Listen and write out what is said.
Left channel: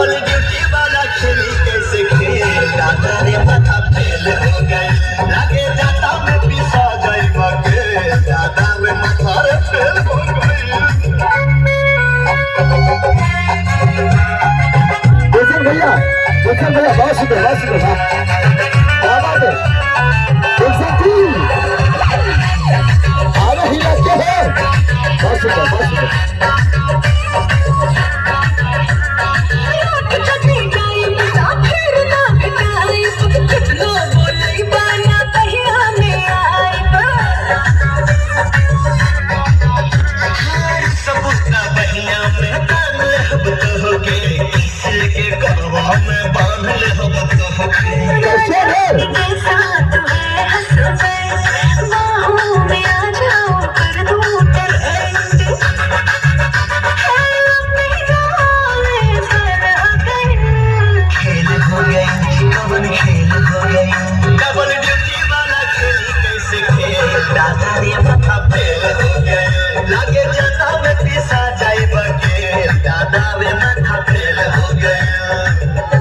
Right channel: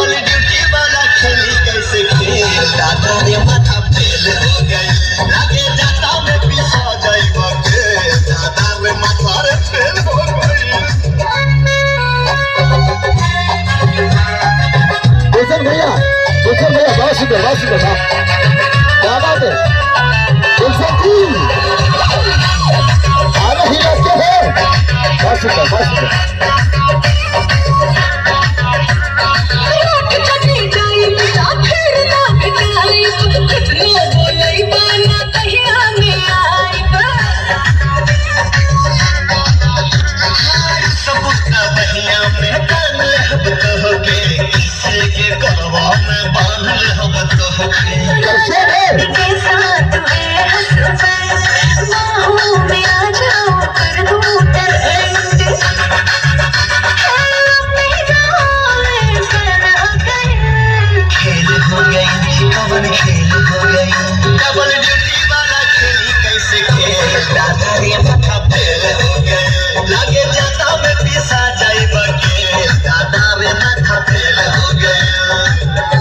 Double duty वाला खेली कैसे खेल दादा रे माथा फेल हो गई लागे जाता में पिसा जाई बके दादा रे माथा रे फेल हो गई। गुलशन भैया बहुत सुंदर क्या बात है गुलशन जी अरे ही लगते हैं बहुत सुंदर डबल ड्यूटी वाला खेली कैसे खेल दादा रे माथा फेल हो गई लागे जाता में पिसा जाई बके दादा रे माथा फेल हो गई।